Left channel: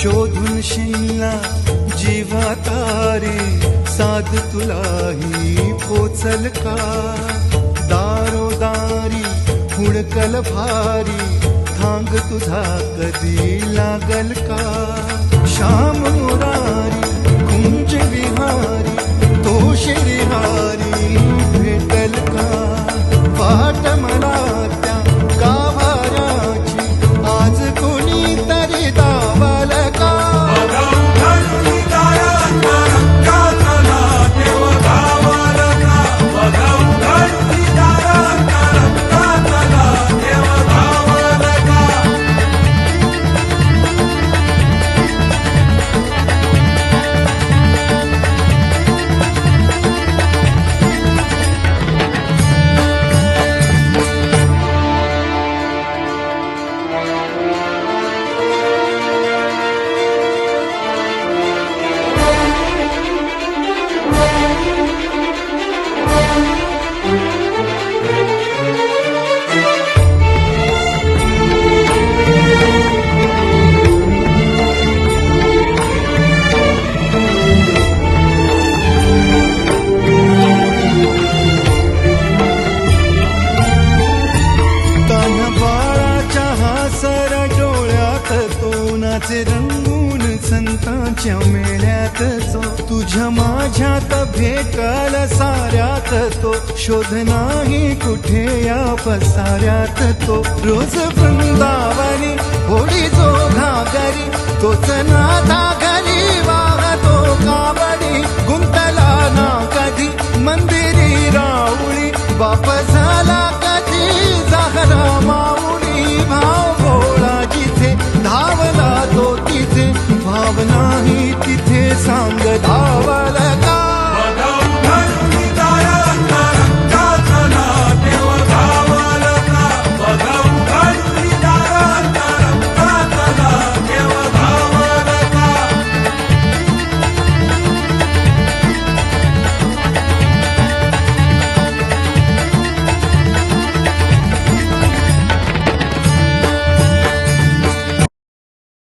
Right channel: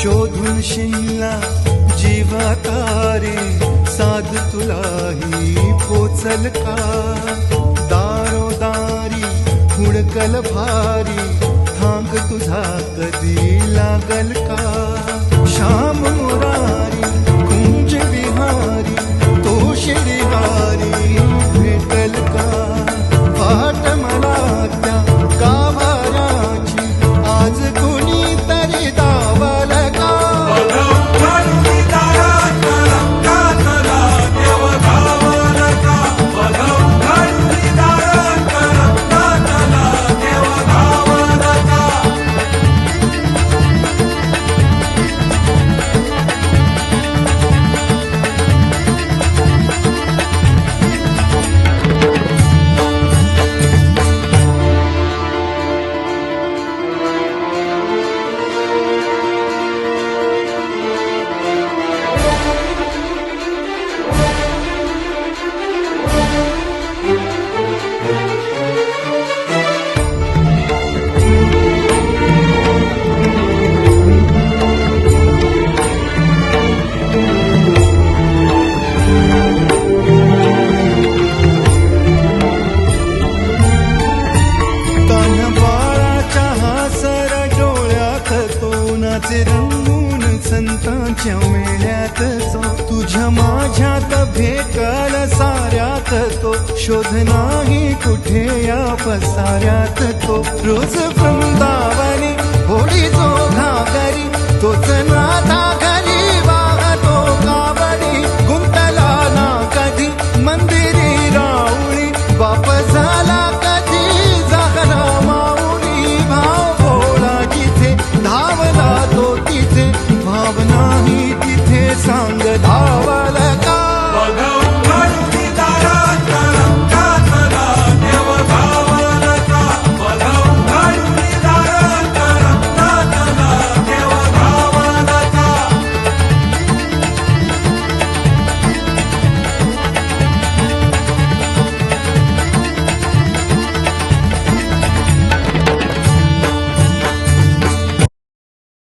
शोधून शिनला जीवा तारे साध तुलाही पोचल का दारोदारी हुडकल भारी थांग तुझा कधी लागल का श्याम मुरारी कुंज विहारी तो शिरिहारी भेटल का वाट मला त्या गाभाराची आज कोणी तरी दावाल का सर डोळ्यात तो नाचे रंगून संतांच्या मेळ्यात तो तुझ्या माझ्यात भेटल साऱ्यात तो शोध नाही कुठे या पसाऱ्यात तो रोज वृंदावनी होळी जो घागरी तोच नाथा घरी वाहतो कावडी गुंतला ना कधी मंदिरी राऊळी बाप झाला कधी जाहरा माऊली भाव भोळा जिथे धावला तो तिथे भावना ही तिथे सांग धावा